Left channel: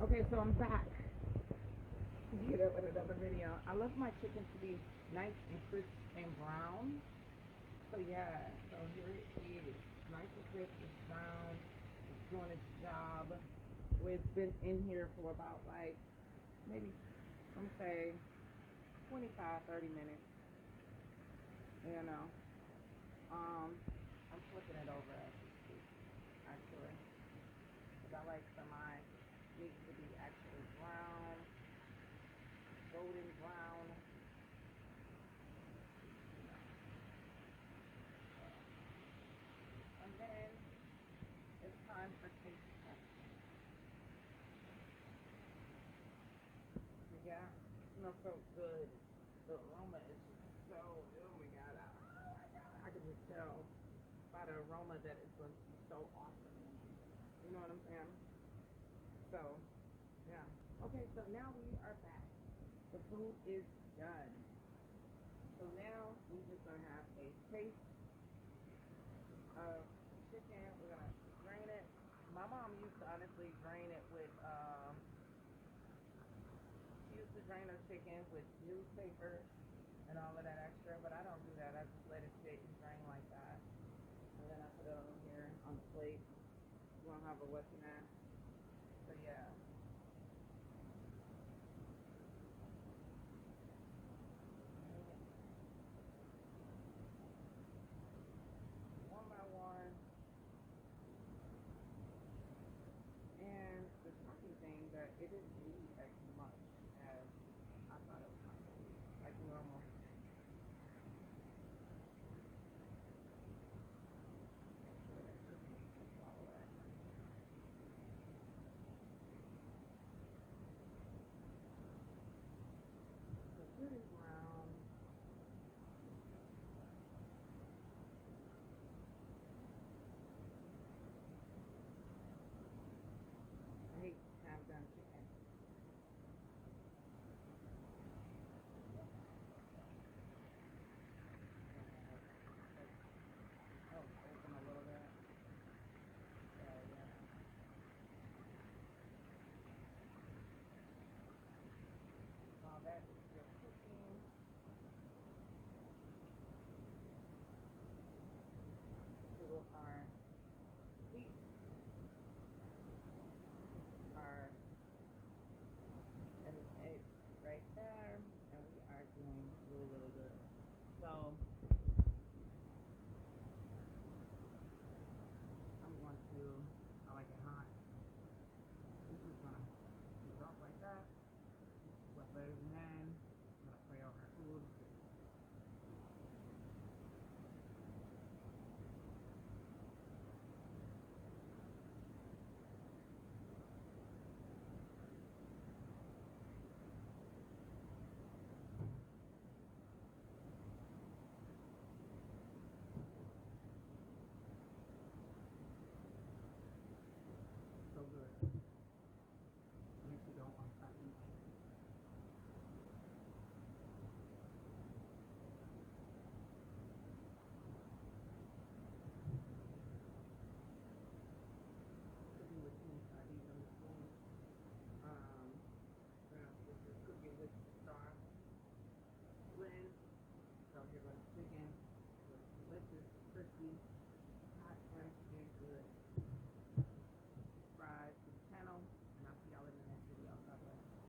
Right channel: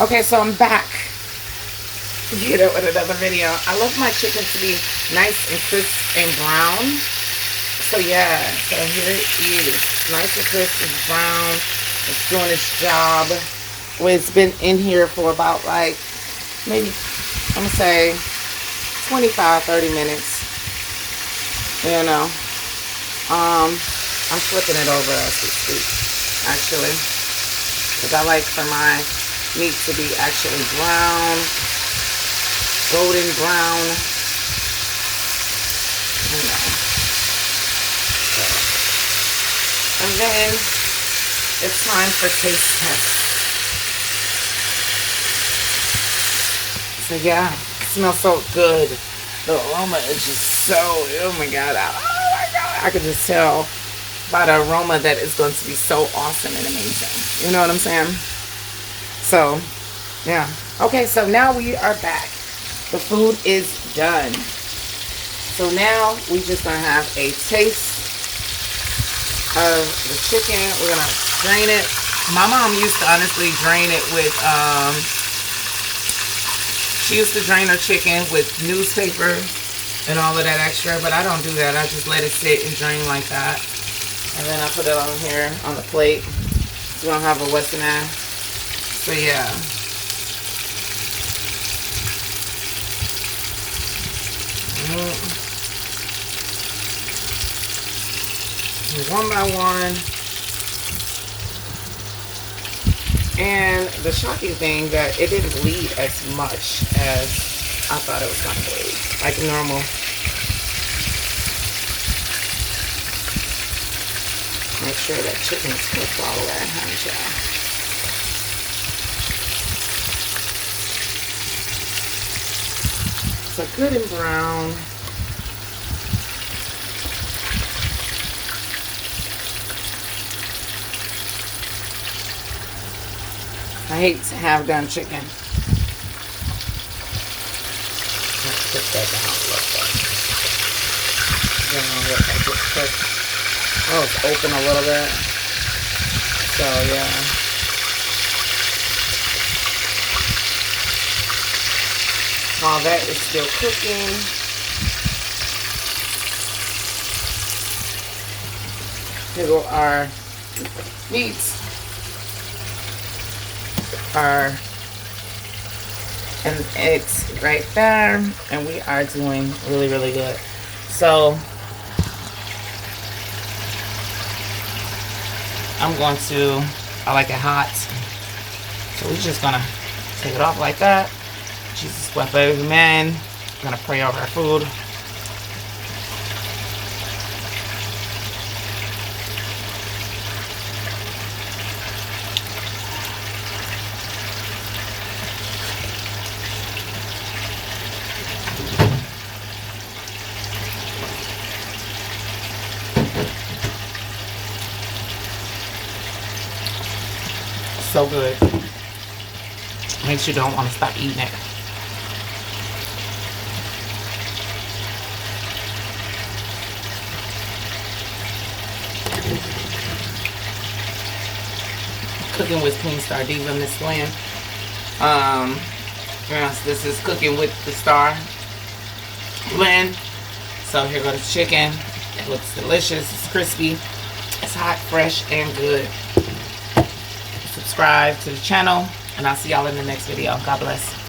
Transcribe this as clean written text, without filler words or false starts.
Okay, so I'm back. Get it with another video. I love my chicken to be nice and crisp and brown. So yeah, so here it is. Nice and crisp and brown. It's doing its job. Well, it's been in here for about like maybe, I'm gonna say 25, 30 minutes. You know. I'm flipping it over as we speak, actually. Because I like for my meat to be actually brown, golden brown. You know. So. And then it's time for taste test. So yeah, it smells so good. The aroma is just so, oh my god, I could just tell by the aroma that it's going to be so awesome and amazing. You know what I'm saying? So, yeah. Okay, so now we are back. The food is done. So now we just gonna have a taste of the chicken. We're gonna drain it. My mom used to honestly drain it with, she used to drain her chicken with newspaper and all of that extra, but I don't do that. I just let it sit and drain like that. And then I put it on here on the plate. So we don't have a Western ass. So yeah. One by one. And the shocking thing that it didn't bleed as much as I thought it was going to bleed. Like normal. Make sure that chicken is cooked all the way, honey child. So good and brown. I hate to have done chicken. Let's put that down a little bit. Then I'll let that get cooked. Oh, it's open a little bit. So, yeah. While that is still cooking, here go our meats. And it's right there. And we are doing really, really good. So, I'm going to, I like it hot. So we're just gonna take it off like that. Jesus, bless every man. We're gonna pray over our food. So good. Makes you don't want to stop eating it. Cooking with Queen Star Diva, Miss Lynn. Yes, this is Cooking with the Star Lynn. So here goes the chicken. It looks delicious. It's crispy. It's hot, fresh, and good. Subscribe to the channel, and I'll see y'all in the next video. God bless.